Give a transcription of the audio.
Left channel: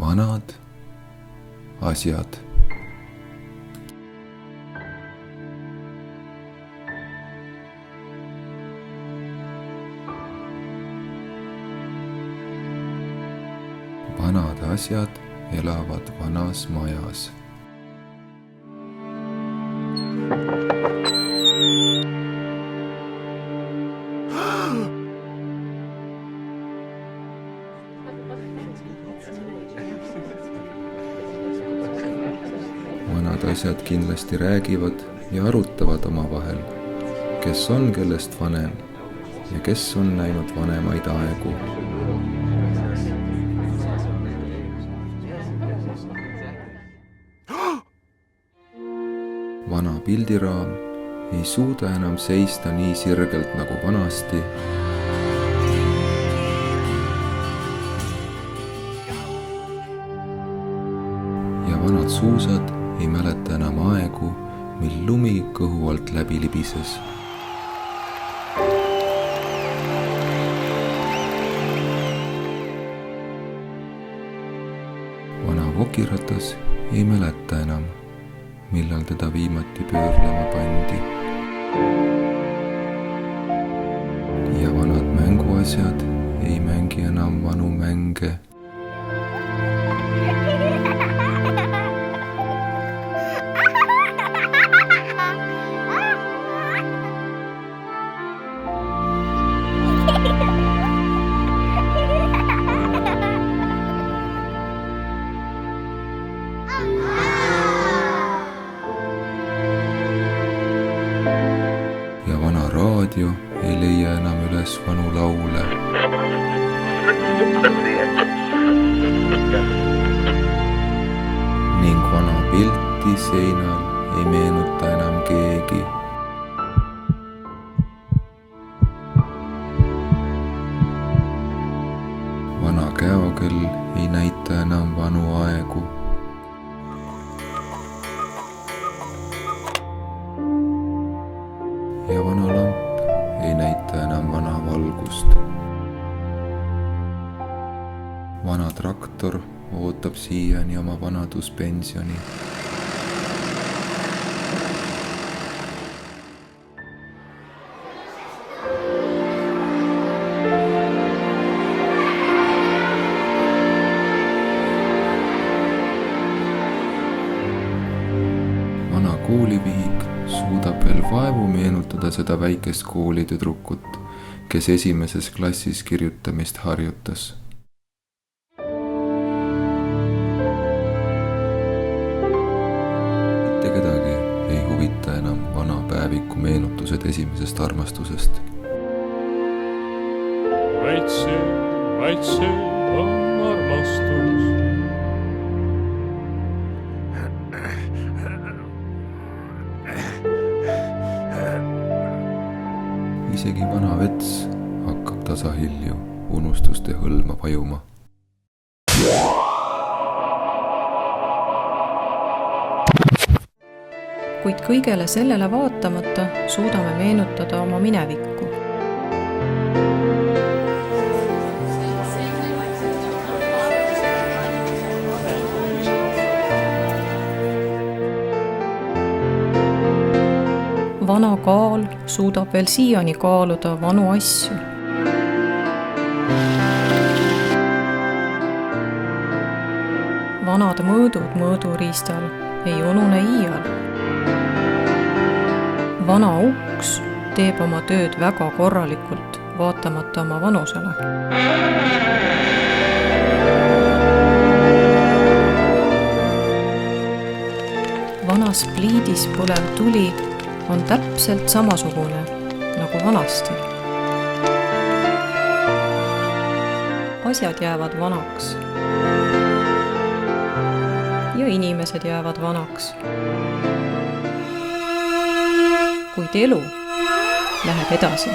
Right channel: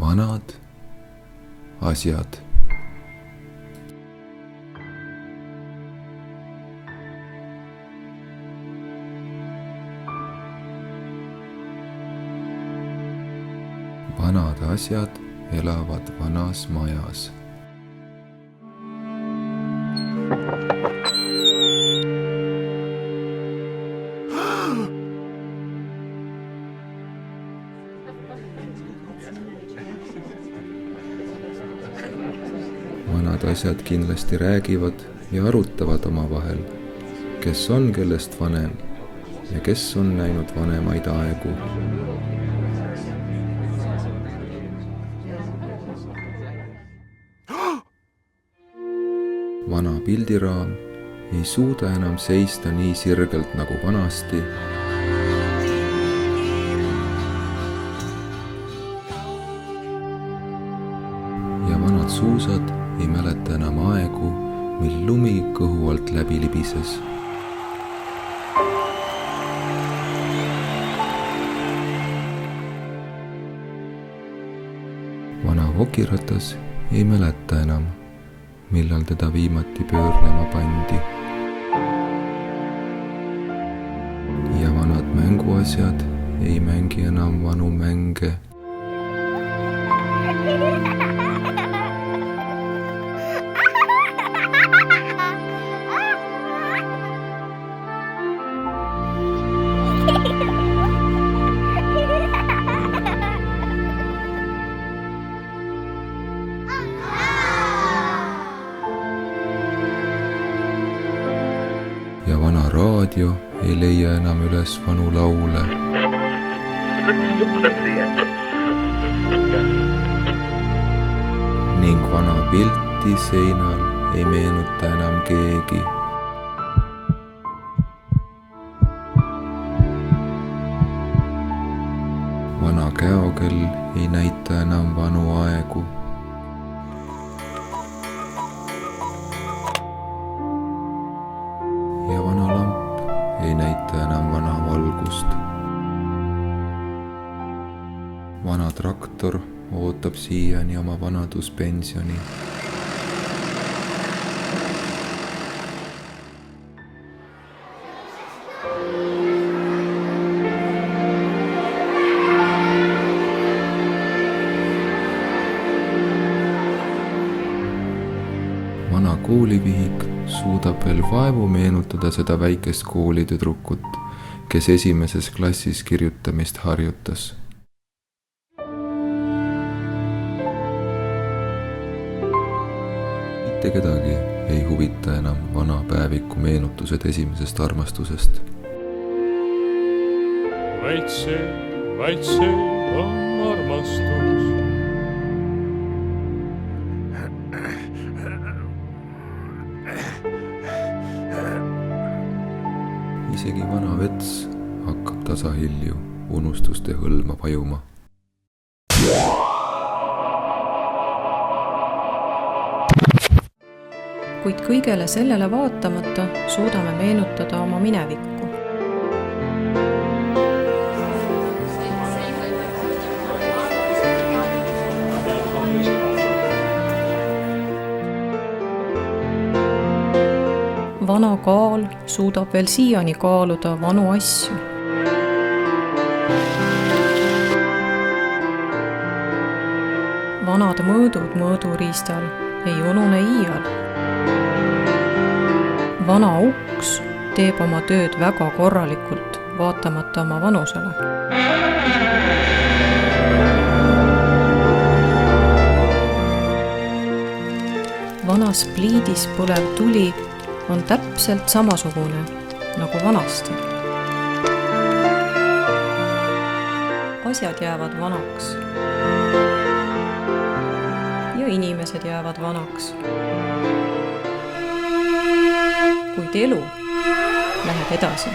vanad asjad. Vanad asjad elavad vanas majas. Vanad asjad kindlasti räägivad ja arutavad omavahel, kes on kellest vanem ja kes on näinud vanemaid aegu. Vana pildiraam ei suuda enam seista nii sirgelt nagu vanasti. Ja vanad suusad ei mäleta enam aegu, mil lumi kõhu alt läbi libises. Vana vokiratas ei mäleta enam, millal teda viimati pöörlema pandi. Ja vanad mänguasjad ei mängi enam vanu mänge. Ja vana raadio ei leia enam üles vanu laule. Ning vana pilti seinal ei meenuta enam keegi. Vana käokell ei näita enam vanu aegu. Ja vana lamp ei näita enam vana valgust. Vana traktor ootab siiani oma vanaduspensioni. Vana koolivihik suudab veel vaevu meenutada seda väikest koolitüdrukut, kes esimeses klassis kirjutamist harjutas. Mitte kedagi ei huvita enam vana päeviku meenutused esimesest armastusest. Vaid see on armastus. Isegi vana vets hakkab tasahilju unustuste hõlma vajuma. Kuid kõigele sellele vaatamata suudame meenutada oma minevikku. Vana kaal suudab veel siiani kaaluda vanu asju. Vanad mõõdud mõõduriistal ei unune iial. Vana uks teeb oma tööd väga korralikult, vaatamata oma vanusele. Vanas pliidis põlev tuli on täpselt samasugune nagu vanasti. Asjad jäävad vanaks. Ja inimesed jäävad vanaks. Kuid elu läheb edasi.